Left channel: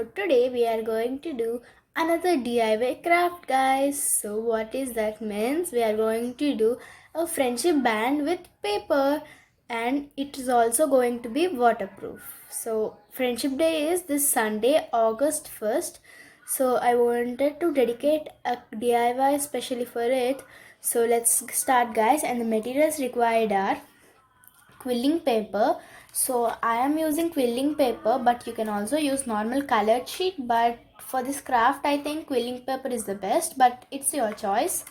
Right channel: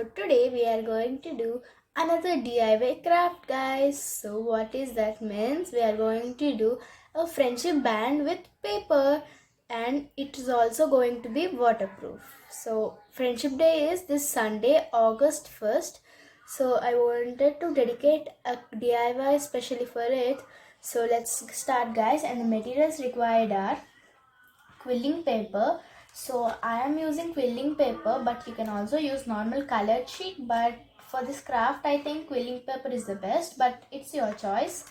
So today we are going to do another DIY craft, guys. So what is that means? We are going to do a friendship band with paper, and it is also going to be waterproof. So friendship day is this Sunday, August 1st. So I wanted to dedicate a DIY especially for it. So let's start, guys, and the materials required are quilling paper. So I am using quilling paper, but you can also use normal colored sheet, but for this craft I think quilling paper is the best, but it's your choice.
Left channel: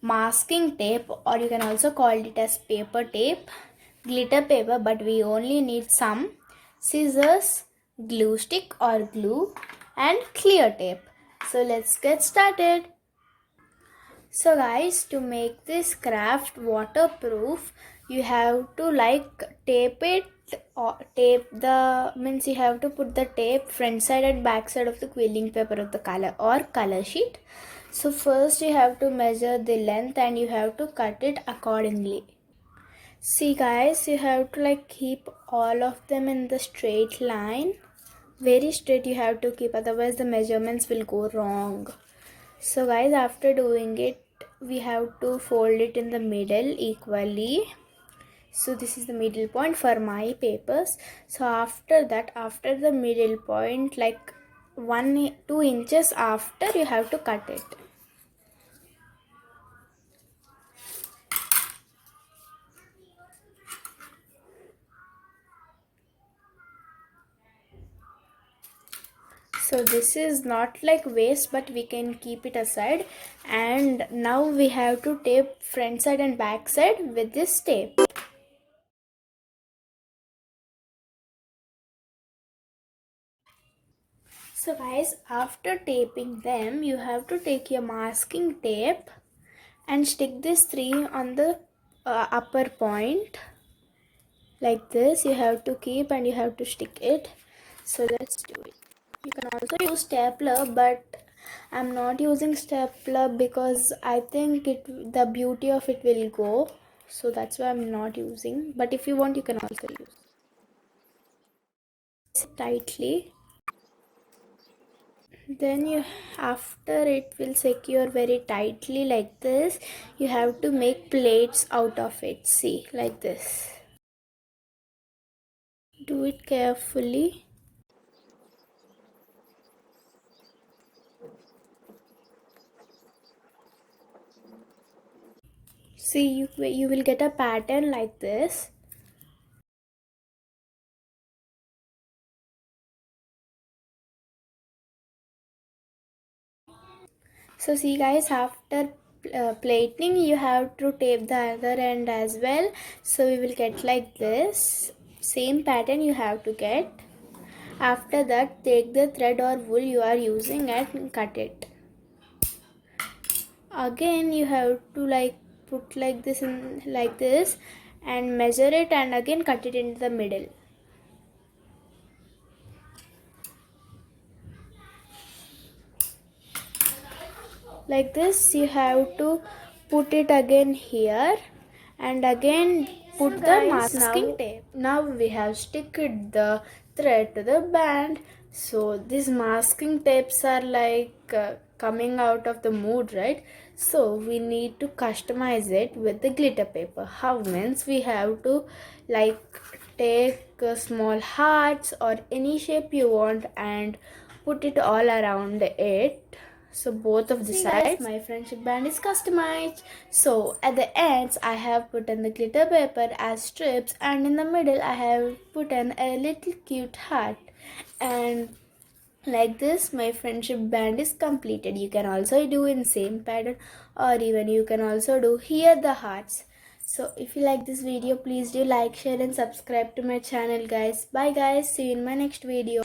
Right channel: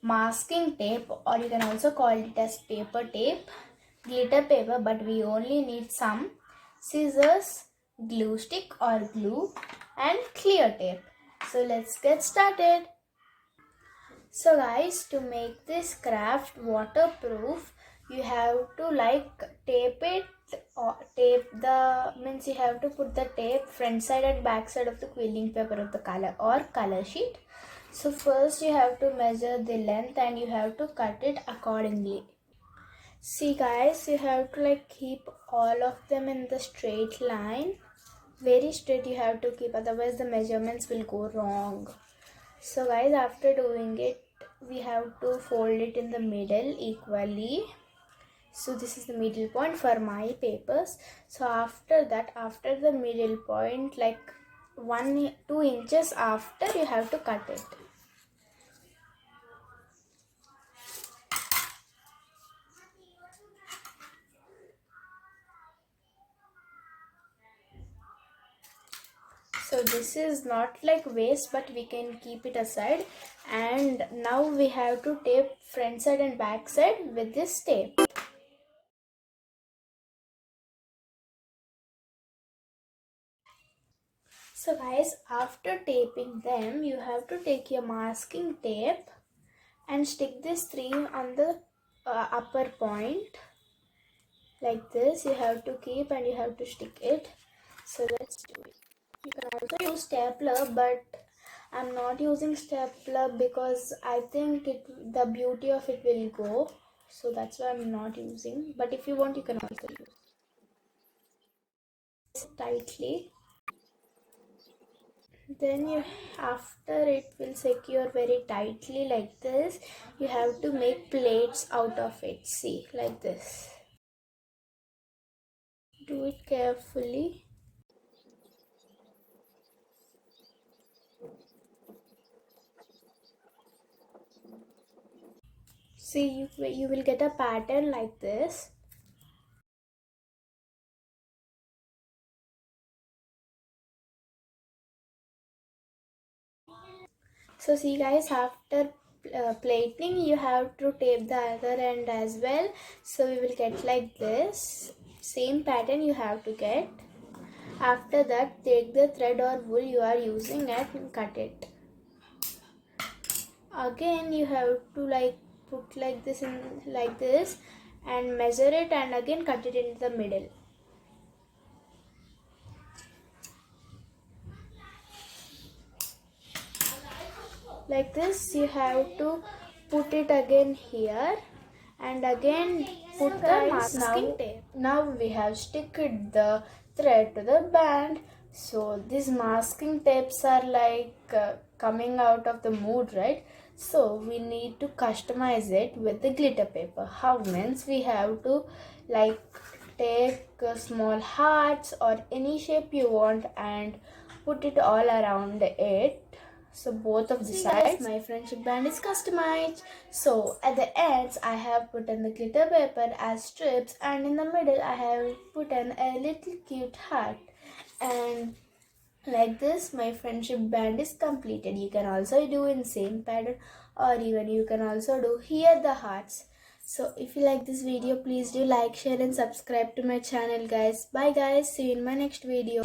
Masking tape, or you can also call it as paper tape, glitter paper, but we only need some, scissors, glue stick or glue, and clear tape. So let's get started. So guys, to make this craft waterproof, you have to tape it, or tape the means you have to put the tape front side and back side of the quilling paper of the color or color sheet. So first you have to measure the length and you have to cut it accordingly. See guys, you have to keep all of them in the straight line. Very straight you have to keep, otherwise the measurements will go wrong. So guys, after doing it, we have to fold it in the middle equally. So this is the middle point for my papers. So after that, after the middle point, like 2 inches after, you have to cut it. So this is not like waste, but we can keep it aside. And now we have to tape front side and back side with this tape. So guys, after taping them, you have to take your masking tape and stick this 3 on the upper point. Like this, you have to keep and you have to stick it. So let's do it. You can also use stapler, but I'm not using stapler because I think the beauty of it will go. So that's why I'm not using. But if you want, you can also use it tightly. Then after it will secure very tightly like this, you have to make plates out of it. See, like this. Do it carefully. See, you will get a pattern like this. So see guys, after plating, you have to tape the other end as well. So we will get like this. Same pattern you have to get. After that, take the thread or wool you are using and cut it. Again you have to put like this in like this and measure it, and again cut it into the middle. Like this, you have to put it again here and again put the masking tape. Now we have sticked the thread to the band. So these masking tapes are coming out of the mood, right? So we need to customize it with the glitter paper. How means we have to take small hearts or any shape you want and put it all around it. So both of the sides, my friendship band is customized. So at the ends, I have put in the glitter paper as strips, and in the middle, I have put in a little cute heart. And like this, my friendship band is completed. You can also do in same pattern, or even you can also do here the hearts. So if you like this video, please do like, share and subscribe to my channel, guys. Bye guys, see you in my next video.